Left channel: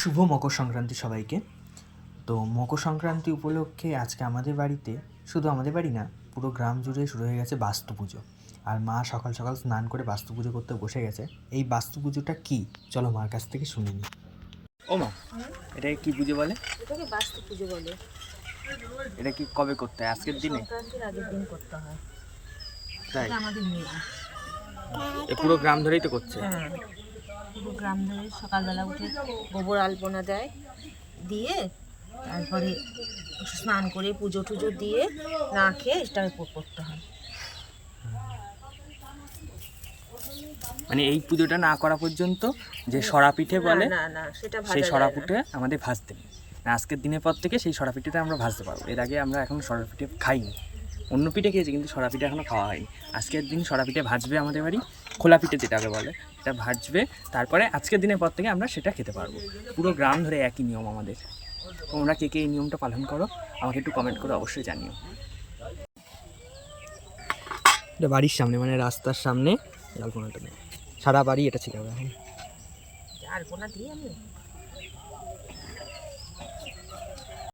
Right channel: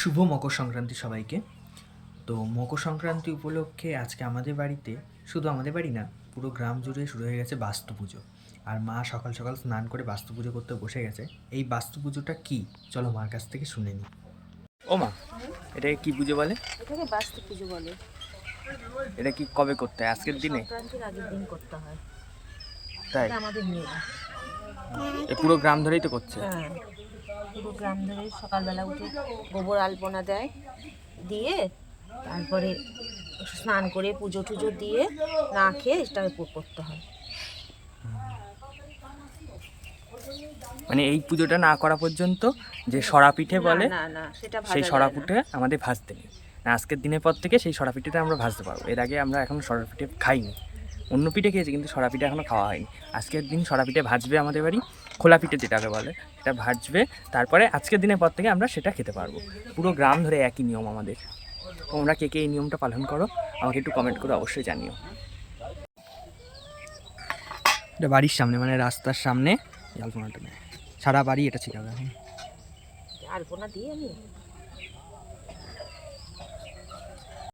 শুভ মকর সংক্রান্তি সবাইকে। তো মকর সংক্রান্তি উপলক্ষে আজকে আমাদের বাড়িতে, শুধু আমাদের বাড়ি না, পুরো গ্রাম জুড়ে শুরু হয়ে গেছে বাস্তু পুজো। আর মা সকাল সকাল স্নান করে বাস্তু পুজো করতে বসে গেছে। এই বাস্তু পুজোটা কি, চলো মার কাছ থেকে শুনে নিই। ও মা, এটাকে কি পুজো বলে? এটাকে বাস্তু পুজো বলে। এটা কি কবে করতে হয়? আজকের দিনে? সংক্রান্তির আগের দিন করতে হয়। তাই? এটা আমাদের নিয়ম। এই পুরো গ্রাম ধরেই তো করছে। হ্যাঁ, পুরো গ্রাম ধরে সকালবেলা উঠে গোবর আলপনা দেয়, দিয়ে তারপরে স্নান করে পুজো টুজো দিয়ে না খেয়ে এটা করতে হয়। মানে এই পুজোটা না করা পর্যন্ত যে সরা পিঠে বলে, না না সেটা সেই ভাজা সরা যায় না। পিঠে আমাদের ভাজতে নেই। আজকের দিনের পর থেকে সেই সরা পিঠেটা আমরা ভাজতে পারবো। এর আগে আমরা এখন সরা পিঠে খাইনি। অন্য পিঠে খেয়েছি, কিন্তু সরা পিঠে এখনও খাওয়া হয়নি। আজকের দিন সরা পিঠে ভাজবে আমাদের বাড়ি, খোলা পিঠে যেটাকে বলে, এটা ভাজবে। তারপরে আজকের দিনের পর থেকে আমরা সেটা খেতে পারবো। পুরো গ্রাম ধরে একই নিয়ম আমাদের। তোমরা কে কে এই নিয়মটা পালন করো আমাকে একটু কমেন্ট করে অবশ্যই জানিও। এটা বাড়ির সামনে, মানে রাস্তার সামনে আলপনাটা নেই, সারা বাড়ি এটা ছিল এখন। আলপনা দিয়ে আমি